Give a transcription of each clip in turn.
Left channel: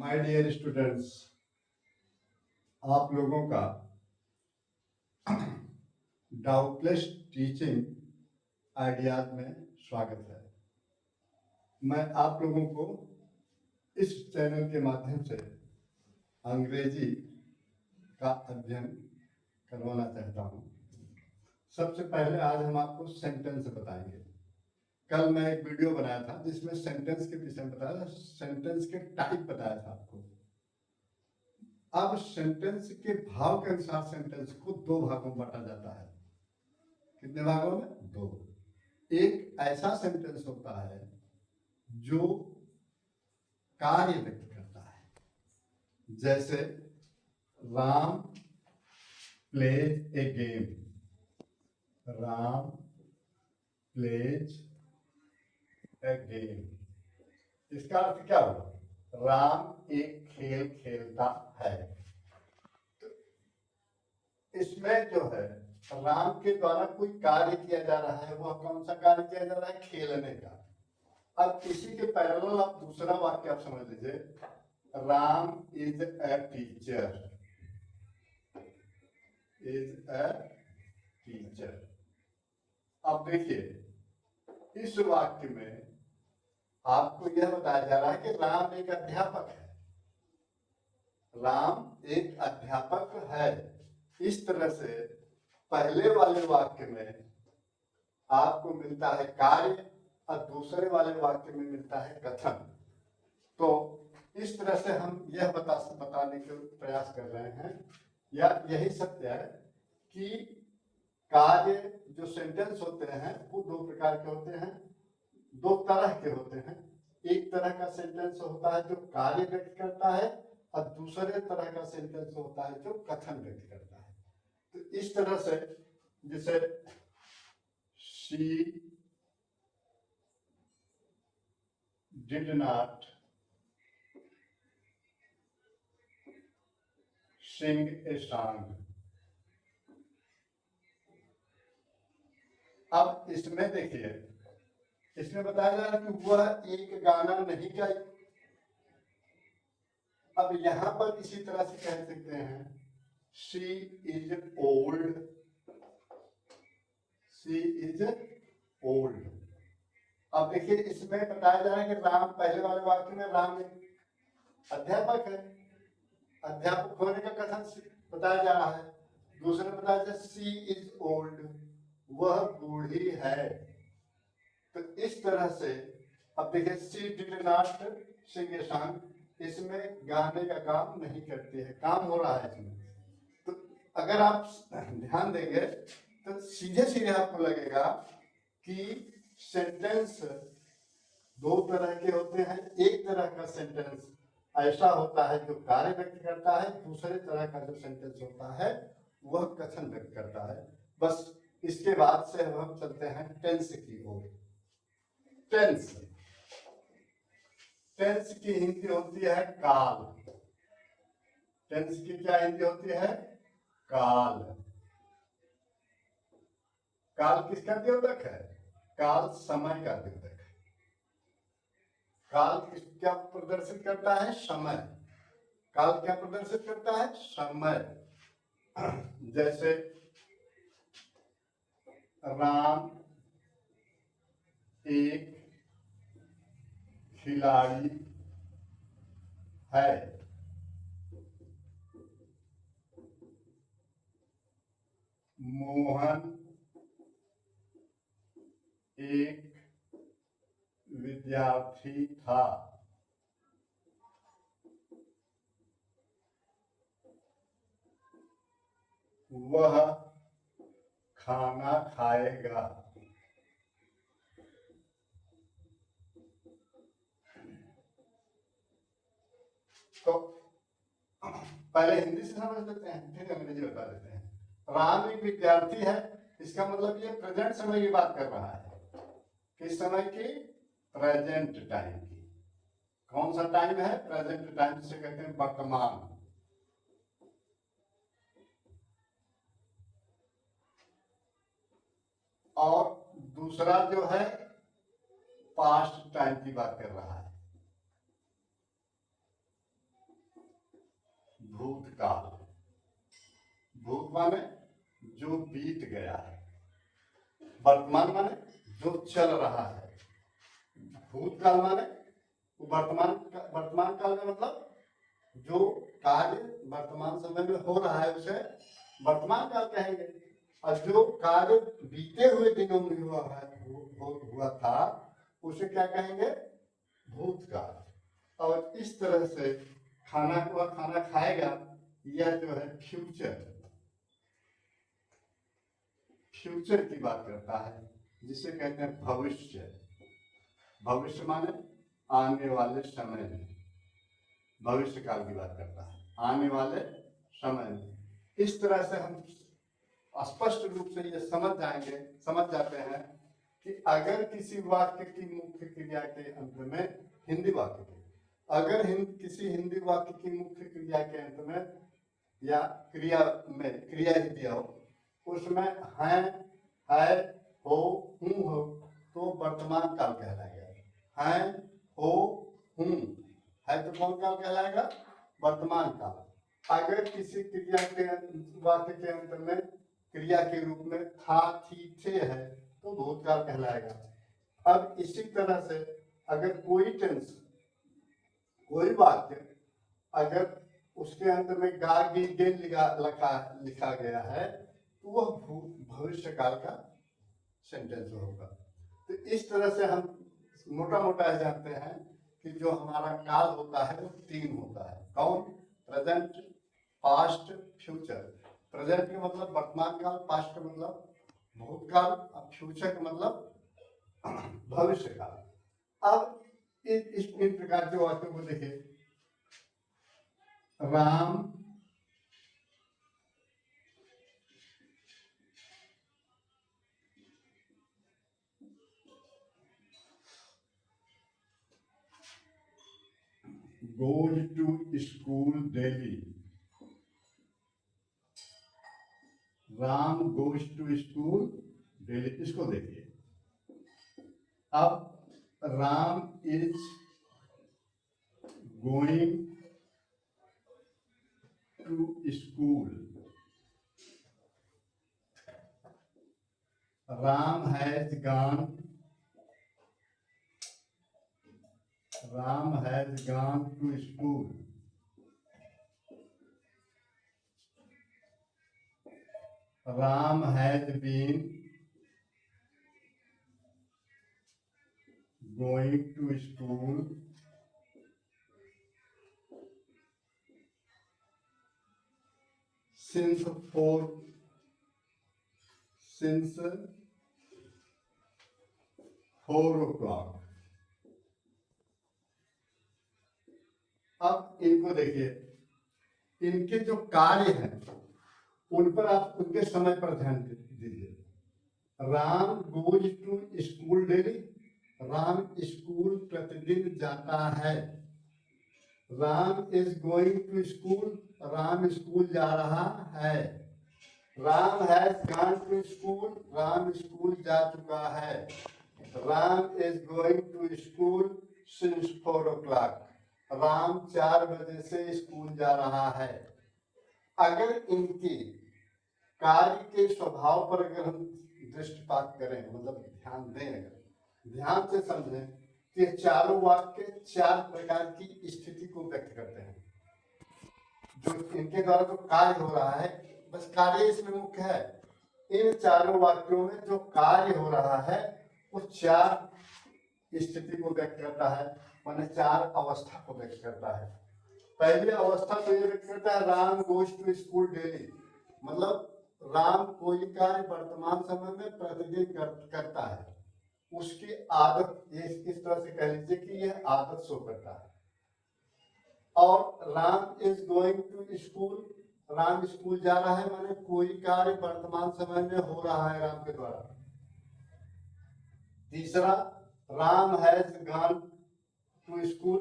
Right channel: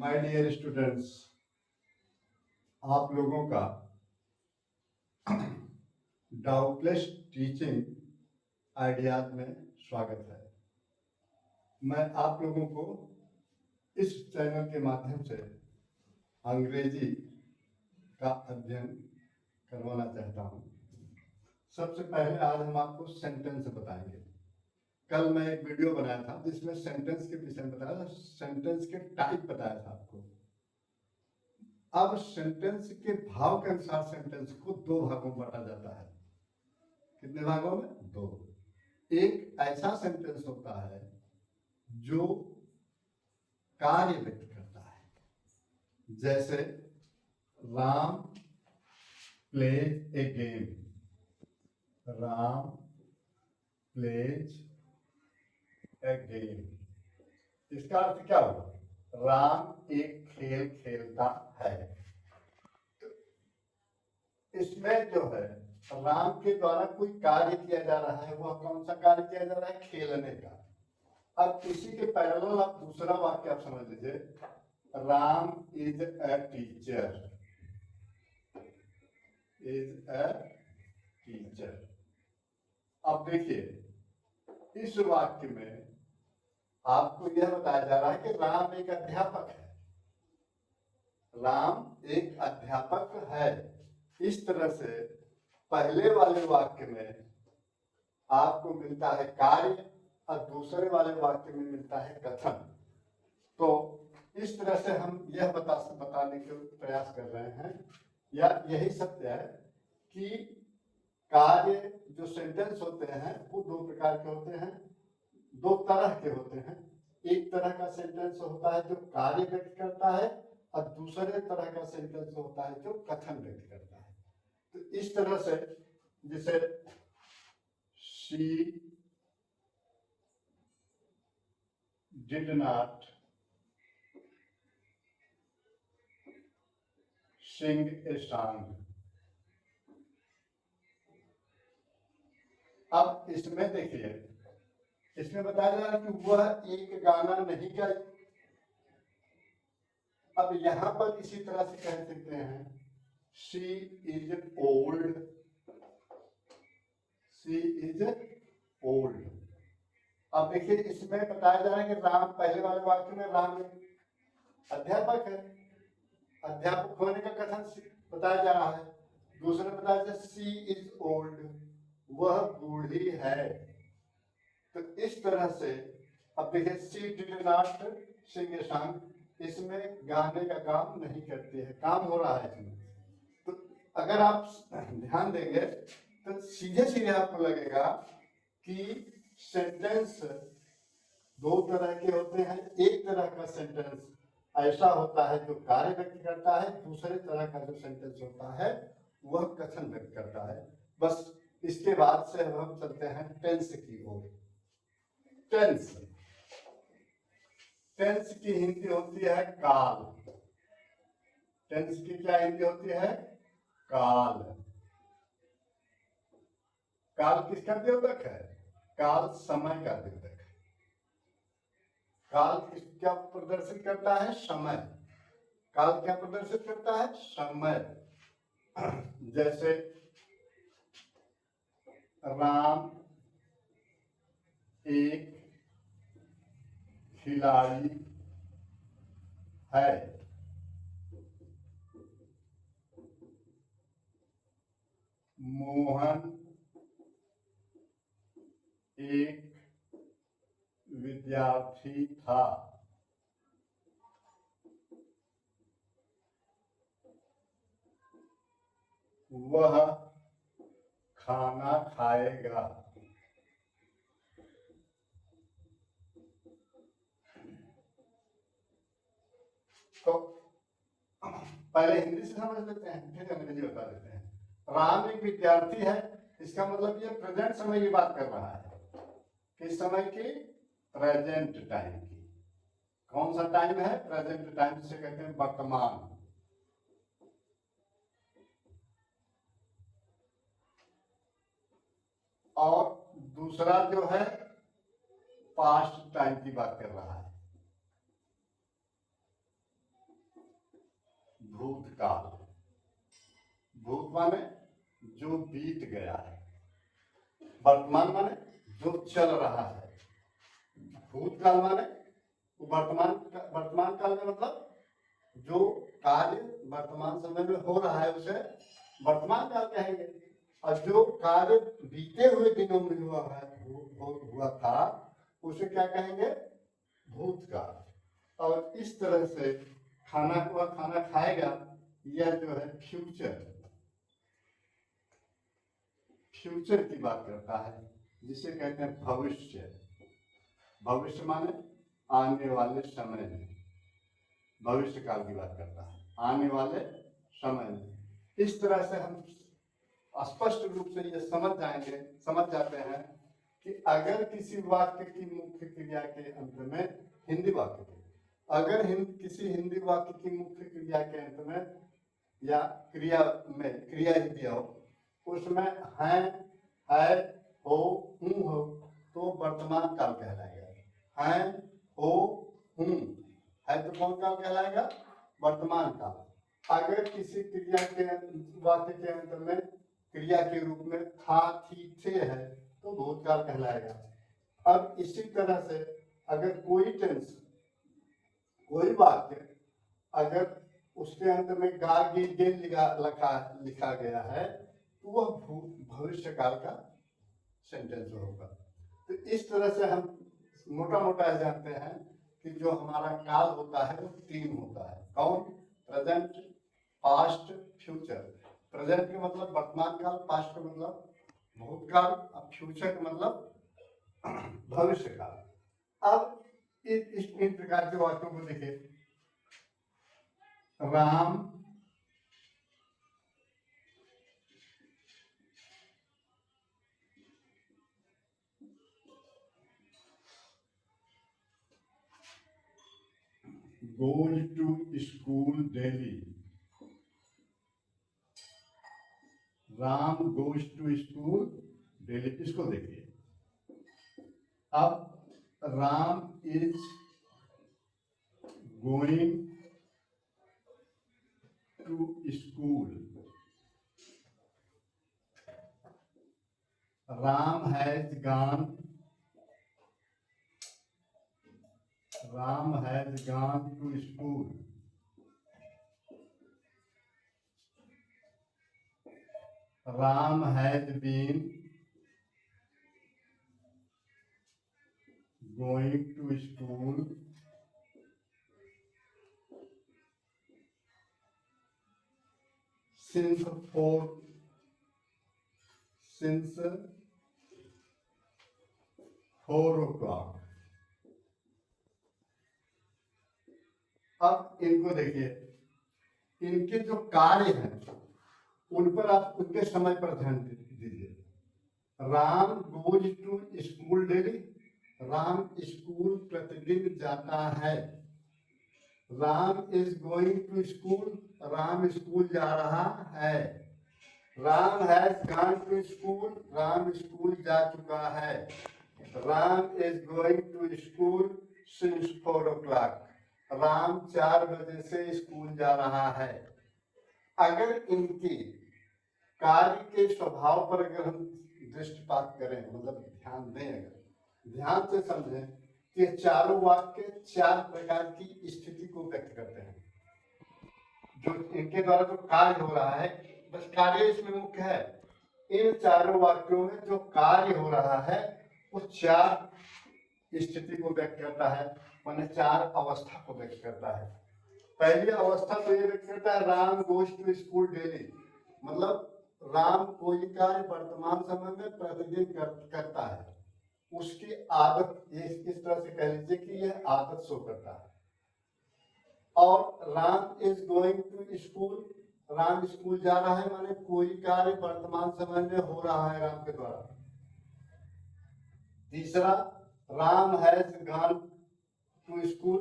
My dear students, आप लोगों का डाउटलेस टीचिंग आइडियाज में स्वागत है। मैं आप लोगों को इस चैनल के माध्यम से अंग्रेजी का अध्ययन करवाना चाहता हूँ। सबसे पहले आज हम आपको सेंटेंस बताएंगे। कल मैं एक वीडियो बनाया था जिसमें सेंटेंस के विषय में बताया था, सेंटेंस के टाइप बताया था आपको। अब सेंटेंस के भाव के अनुसार सेंटेंस को दो भागों में बांटा जाता है। कितने भागों में? दो। एक ऐसा सेंटेंस होता है जो कार्य व्यक्त करता है, जैसे Ram plays a game. Ram plays a game, इसका अर्थ क्या होगा? राम एक खेल खेलता है। इसमें जो है राम के द्वारा कोई कार्य किया जा रहा है। वह कौन सा कार्य किया जा रहा है? खेलने का। अब इसी के पैरेलल आप दूसरा वाक्य आप समझ लीजिए, Ram is a teacher. Is a teacher. अब देखिए, इस वाक्य में आपको यह बताया जा रहा है कि राम एक अध्यापक है। राम एक अध्यापक है। इस तरह से पहले वाले वाक्य में आपको मिलता है कार्य और दूसरे वाले वाक्य में मिलता है कथन। तो इस तरह से हम यह बताने के प्रयास कर रहे हैं, या यही सत्य है कि कार्य जो सेंटेंस होते हैं वो दो प्रकार के होते हैं, दो तरह के होते हैं। एक तरह का सेंटेंस होता है जो कार्य व्यक्त करता है और दूसरे तरह का सेंटेंस होता है जो कथन व्यक्त करता है। तो इस तरह से जैसे she did not sing a song। अब इसमें देखिए, इसमें बताया जा रहा है कि वह एक गाना नहीं गाई। अब यहां पर इसी तरह से कह सकते हैं she is old। she is old। अब देखिए, इसमें बताया जा रहा है कि राम, पहले वाले वाक्य में राम अध्यापक है, अध्यापक होने का कथन बताया जा रहा है। दूसरे बताया जा सी इज ओल्ड, वह बूढ़ी है। तो इस तरह से अब देखिए, she did not sing a song, इसमें गाने का काम नहीं करती है, काम हो रहा है इसमें। तो अगर आप ध्यान देंगे तो सीधे सीधे आपको लगेगा कि सेंटेंस दो तरह के होते हैं। एक तरह का सेंटेंस ऐसा होता है जो कार्य व्यक्त करता है, दूसरे तरह का जो सेंटेंस होता है वह कथन व्यक्त करता है। बस इसके बाद से अब हम चलते हैं टेंस की ओर। टेंस, टेंस की हिंदी होती है काल। टेंस की क्या हिंदी होती है? काल। काल किसका द्योतक है? काल समय का द्योतक है। काल क्या प्रदर्शित करता है? समय। काल क्या प्रदर्शित करता है? समय। जैसे राम एक खिलाड़ी है। मोहन एक विद्यार्थी था। वह खाना खाएगा। तो पहले हिंदी से समझ लेते हैं, फिर अंग्रेजी बता देते हैं। राम एक विद्यार्थी है, इसका मतलब ये प्रेजेंट समय की बात कर रहा है। किस समय की? प्रेजेंट टाइम की। कौन सा टाइम है? प्रेजेंट टाइम, जिसे कहते हैं वर्तमान। और दूसरा जो है पास्ट टाइम की बात कर रहा है। भूतकाल। भूत माने जो बीत गया है, वर्तमान माने जो चल रहा है, भूतकाल माने वर्तमान काल का मतलब जो कार्य वर्तमान समय में हो रहा है उसे वर्तमान काल कहेंगे, और जो कार्य बीते हुए दिनों में हुआ था उसे क्या कहेंगे, भूतकाल। और इस तरह से खाना खाएगा, यह जो है फ्यूचर की बात करता है, जिसे कहते हैं भविष्य। भविष्य माने आने वाले समय में, भविष्य काल की बात करता है, आने वाले समय में। इस तरह से हम स्पष्ट रूप से ये समझ जाते हैं कि अगर किसी वाक्य की मुख्य क्रिया के अंत में, हिंदी वाक्य की, अगर किसी हिंदी वाक्य की मुख्य क्रिया के अंत में या क्रिया ही दिया हो, उसमें है, हो, हूँ हो, तो वर्तमान काल कहलाएगा। है, हो, हूँ है तो कौन काल कहलाएगा, वर्तमान काल। अगर किसी क्रिया के वाक्य के अंत में क्रिया के रूप में था, थी, थे है तो भूतकाल कहलाएगा। अब इसी तरह से अगर कोई वाक्य अगर उसके अंत में गा गी गेल लिखा गया है तो वह भविष्य काल का सेंटेंस होगा। तो इस तरह से हम मोटा जानते हैं कि जो हमारा काल होता है वो 3 होता है। कौन, प्रेजेंट, पास्ट, फ्यूचर। प्रेजेंट का मतलब वर्तमान काल, पास्ट का मतलब भूतकाल, और फ्यूचर का मतलब भविष्य काल। अब इन प्रकार के वाक्यों को देखिए। Ram goes to school daily. Ram goes to school daily। इसको देखिए। अब Ram is going to school। Ram has gone। Ram has gone to school। Ram has been going to school since 4 o'clock। अब इनको देखिए, इनके जो कार्य हैं उन पर आप उनके समय पर ध्यान दीजिए। Ram goes to school daily. Ram school प्रतिदिन जाता है। Ram is going to school. Ram school जा रहा है। Ram has gone to school. Ram school जा चुका है। Ram is going to school since 4 o'clock। Ram 4 बजे से स्कूल जा रहा है। अगर इनकी कार्य के स्वभाव पर अगर हम दृष्टिपात करें, मतलब ध्यान दें, अगर ध्यान से समझें कि चारों वाक्य 4 प्रकार की स्थिति को व्यक्त करते हैं। जो इनके द्वारा जो कार्य हो रहा है, बस कार्य इसमें मुख्य है। इन चारों वाक्यों में जो कार्य हो रहा है वो 4 स्थिति को व्यक्त करता है, माने 4 अवस्था को व्यक्त करता है। पहली अवस्था तो ये व्यक्त करता है Ram goes to school daily, मतलब राम कोई कार्य वर्तमान समय में प्रतिदिन करता है। उसकी आदत, ये इस तरह से कह लीजिए कि यह आदत शो करता है। और Ram is going to school, Ram school जा रहा है, माने कोई कार्य वर्तमान समय में हो रहा है राम के द्वारा। तीसरा, Ram has gone to school,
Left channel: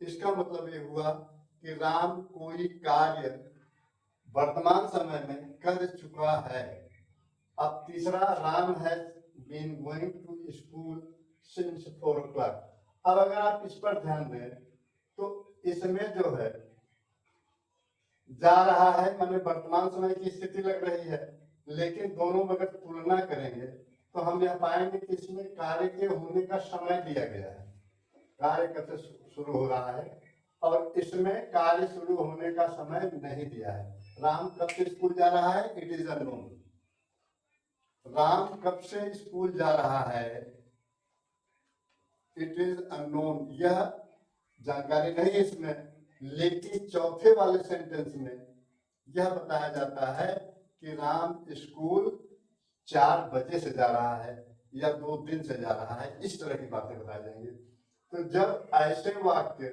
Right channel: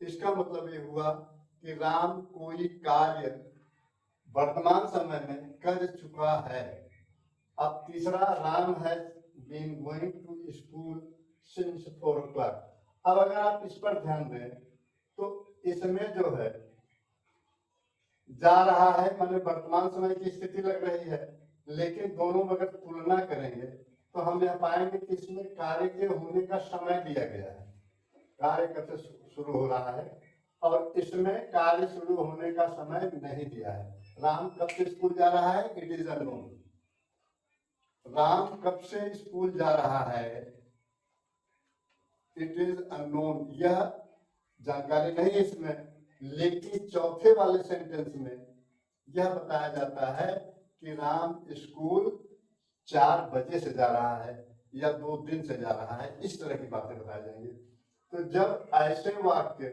इसका मतलब ये हुआ कि राम कोई कार्य वर्तमान समय में कर चुका है। अब तीसरा, Ram has been going to school since 4 o'clock। अब अगर आप इस पर ध्यान दें तो इसमें जो है जा रहा है, माने वर्तमान समय की स्थिति लग रही है, लेकिन दोनों अगर तुलना करेंगे तो हम यह पाएंगे कि इसमें कार्य के होने का समय दिया गया है, कार्य कब से शुरू हो रहा है, और इसमें कार्य शुरू होने का समय नहीं दिया है। राम कब से स्कूल जा रहा है, इट इज अननोन। राम कब से स्कूल जा रहा है, इट इज अननोन, यह जानकारी नहीं है इसमें। लेकिन चौथे वाले सेंटेंस में यह बताया जाता है कि राम स्कूल 4 बजे से जा रहा है या 2 दिन से जा रहा है, इस तरह की बातें बताई जाएंगी। तो जब ऐसे वाक्य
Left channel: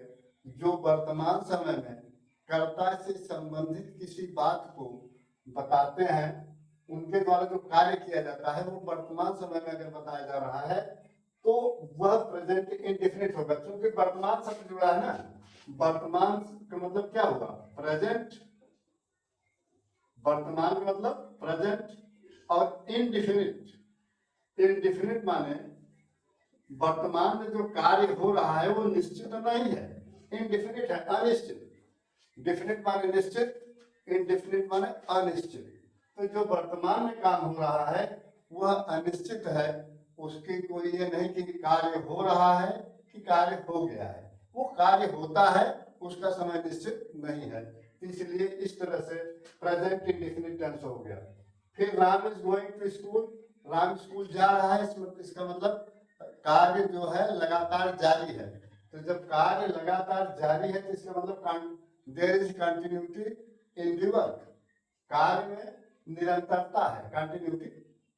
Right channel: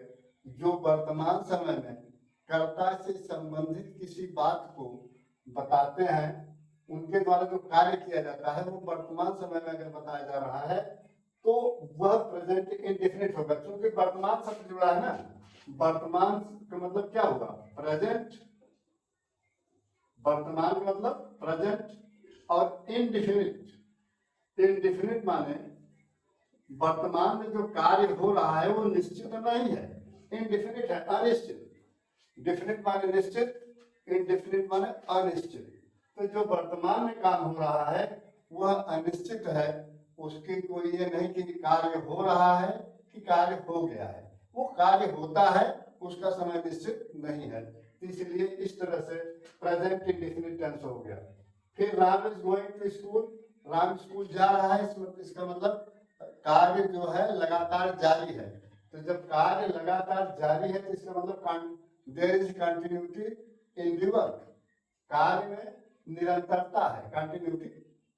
जो वर्तमान समय में कर्ता से संबंधित किसी बात को बताते हैं, उनके द्वारा जो कार्य किया जाता है वो वर्तमान समय में अगर बताया जा रहा है तो वह प्रेजेंट इंडेफिनिट होगा। क्योंकि वर्तमान शब्द जुड़ा है ना, वर्तमान का मतलब क्या होगा, प्रेजेंट, वर्तमान का मतलब प्रेजेंट, और इनडिफिनिट, इनडिफिनिट माने वर्तमान में जो कार्य हो रहा है वो निश्चित नहीं है, इनडिफिनिट है, अनिश्चित। डिफिनिट माने निश्चित, इनडिफिनिट माने अनिश्चित। तो जो वर्तमान में काम हो रहा है वह अनिश्चित है, उसकी कोई ये नहीं कि कार्य हो रहा है कि कार्य हो गया है, वो कार्य होता है, उसका समय निश्चित नहीं है, इसलिए इस तरह से प्रेजेंट इंडेफिनिट टेंस हो गया। फिर Ram is going to school, Ram school जा रहा है, इसका मतलब कार्य जो है लगातार जारी है। तो जब कार्य लगातार जारी है तो इसका मतलब there is continuity in the work, कार्य में निरंतरता है, कंटिन्यूटी,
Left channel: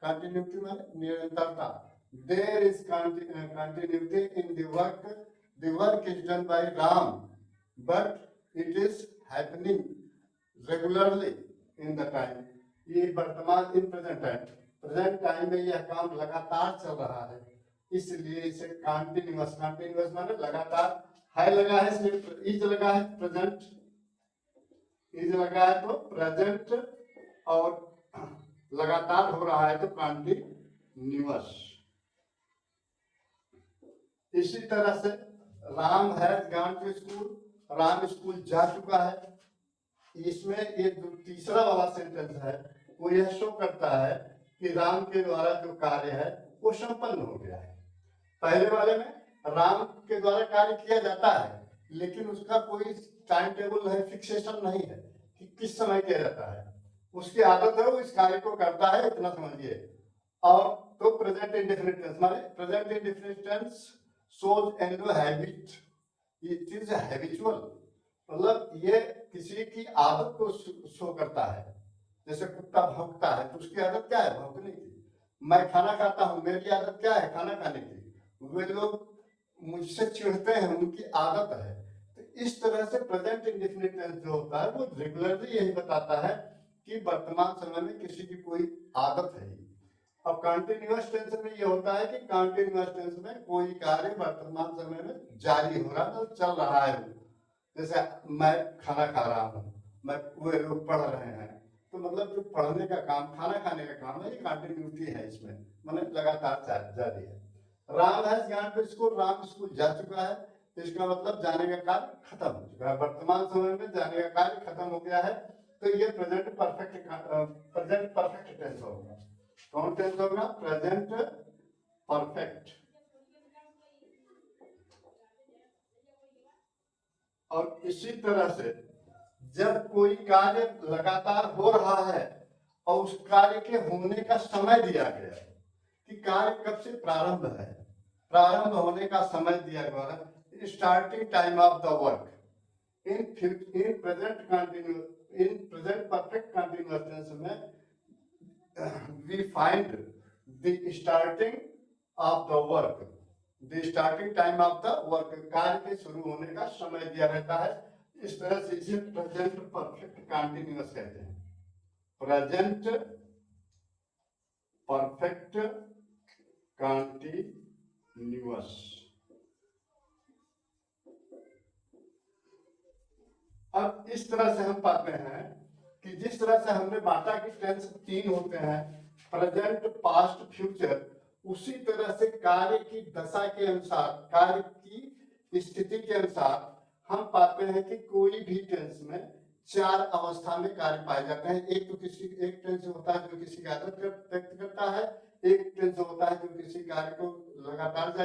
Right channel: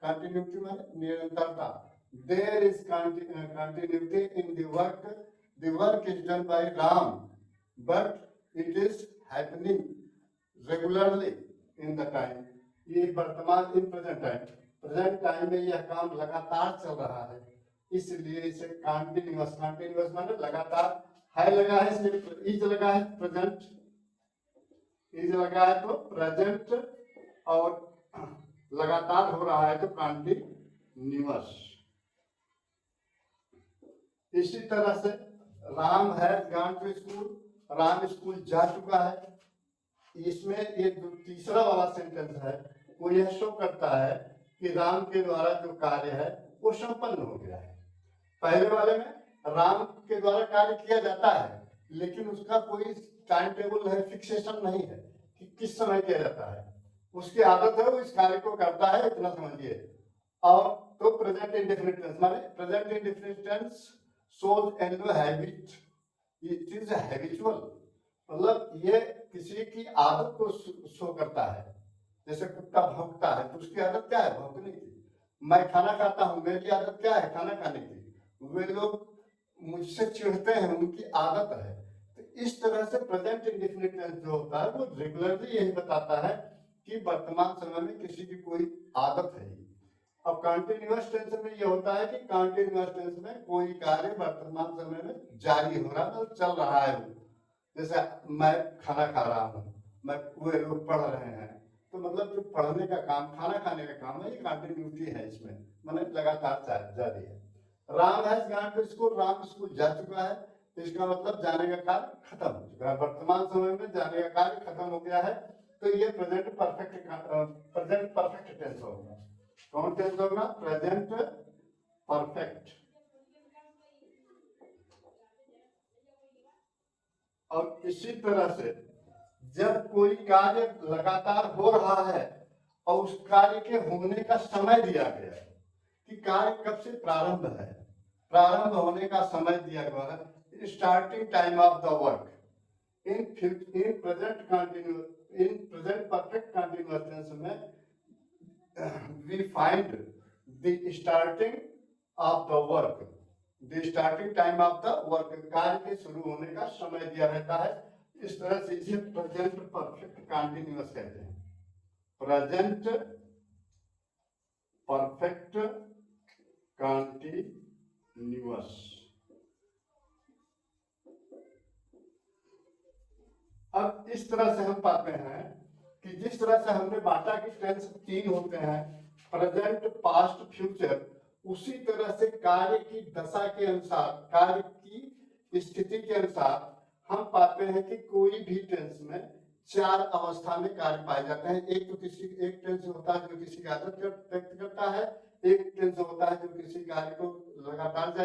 कंटिन्यूटी माने निरंतरता। There is continuity in the work is done by Ram but it is happening regularly in the time. ये वर्तमान इन प्रेजेंट टाइम में यह काम लगातार चल रहा है, इसलिए इसे कंटिन्यूअस, कंटिन्यूअस माने लगातार, है लगा है इसलिए इज लगा है, प्रेजेंट इज लगा है तो प्रेजेंट, और लगातार हो रहा है तो कंटिन्यूअस। इसी तरह से Ram has gone to school, Ram school जा चुका है। इसमें ये जो तीसरा वाला सेंटेंस है वो यह शो करता है कि राम के द्वारा जो कार्य है वो संपन्न हो गया है। पहले वाले में राम के द्वारा कार्य किया जाता है, लेकिन उसका कोई टाइम टेबल है, फिक्सेशन नहीं है कि किस समय किया जाता है, उसकी आदत है, वो इस कार्य को करता है, इतना समझिए। और तो प्रेजेंट इंडेफिनिट टेंस माने present indefinite tense shows an habit, it is habitual, मतलब ये किसी की आदत को शो करता है। जैसे कुत्ता भौंकता है तो उसकी आदत क्या है, भौंकने की। मैं खाना खाता हूँ, मेरी आदत क्या है, खाना खाने की। वे लोग मुझसे चिढ़ते हैं, उनकी आदत है। तो इस तरह से प्रेजेंट इंडेफिनिट टेंस जो होता है वो रेगुलरली यही बताता है कि वर्तमान समय में किसी की कोई आदत है। अब कंटिन्यूअस टेंस में ये होता है कि कंटिन्यूअस टेंस में कोई कार्य वर्तमान समय में जारी हो रहा है, तो चल रहा है। जैसे मैं खाना खा रहा हूँ, मैं वे लोग पढ़ रहे हैं, तो मतलब जो पढ़ने का काम, खाना खाने का काम है, ये कंटिन्यूटी है, इसमें माने लगातार जारी है। Ram has gone to school, Ram school जा चुका है, तो इसका मतलब जाने का कार्य खत्म हो चुका है, वर्तमान समय में जाने का कार्य खत्म हो गया है। तो ये प्रेजेंट परफेक्ट टेंस होगा। कौन टेंस होगा, प्रेजेंट परफेक्ट। और इसी तरह से जब कोई कार्य लगातार हो रहा है और उस कार्य के होने का समय दिया गया है कि कार्य कब से प्रारंभ है, प्रारंभ होने का समय दिया गया है, starting time of the work. In present perfect continuous tense में we find the starting of the work, the starting time of the work, कार्य के शुरू होने का समय दिया रहता है। इस तरह से इसे प्रेजेंट परफेक्ट कंटिन्यूअस कहते हैं, प्रेजेंट परफेक्ट कंटिन्यूअस। अब इस तरह से हम पाते हैं कि जिस तरह से हमने बाटा की टेंस 3 होते हैं, प्रेजेंट, पास्ट, फ्यूचर, उसी तरह से कार्य की दशा के अनुसार, कार्य की स्थिति के अनुसार हम पाते हैं कि कोई भी टेंस में 4 अवस्था में कार्य पाए जाते हैं। एक टेंस होता है जो किसी की आदत व्यक्त करता है, एक टेंस होता है जो किसी कार्य को लगातार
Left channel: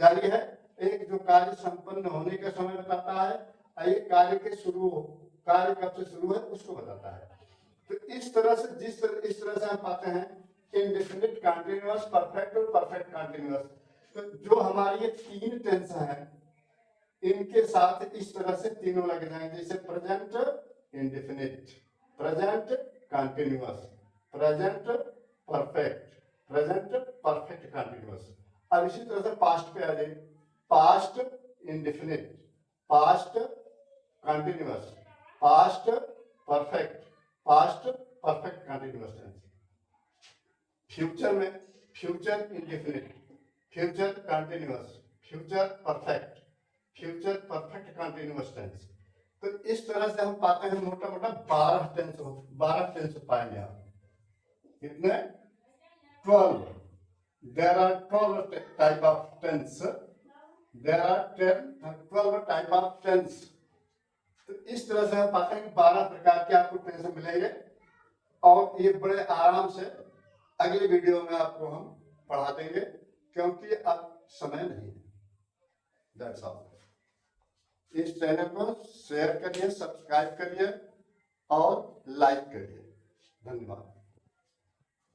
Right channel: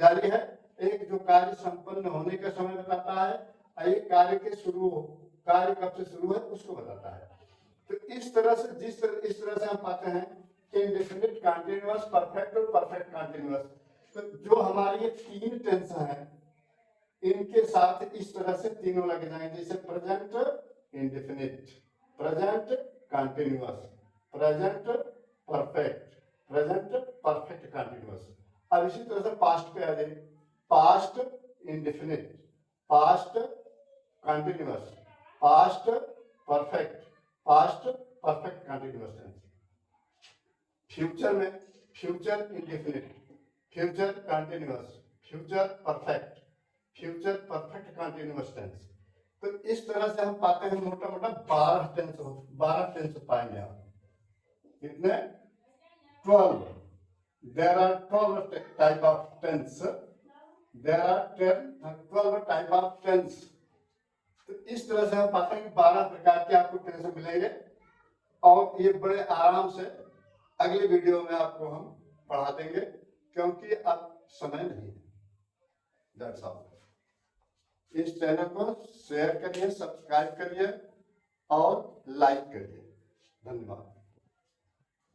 जारी है, एक जो कार्य संपन्न होने का समय बताता है, और एक कार्य कब से शुरू है उसको बताता है। तो इस तरह से हम पाते हैं इंडेफिनिट, कंटीन्यूअस, परफेक्ट और परफेक्ट कंटीन्यूअस। तो जो हमारी ये 3 टेंस हैं इनके साथ इस तरह से तीनों लग जाएंगे, जैसे present indefinite, present continuous, present perfect continuous. अब इसी तरह से पास्ट पे आ जाइए, past indefinite, past continuous, past perfect continuous tense. Future में future indefinite, future continuous, future perfect continuous tense. तो इस तरह से हम पाते हैं मोटा मोटा 12 टेंस पाएंगे आप। कितने? 12। There are 12 type of tense. There are 12 type of tense. तो इस तरह से हम पाते हैं 12 प्रकार के आपको टेंस मिलेंगे, और ये बड़े आराम से अगले वीडियो में आपको हम पढ़ा देंगे, क्योंकि अब समय नहीं है। That's all. इस चैनल को शेयर करिए, सब्सक्राइब करिए और लाइक करिए। धन्यवाद।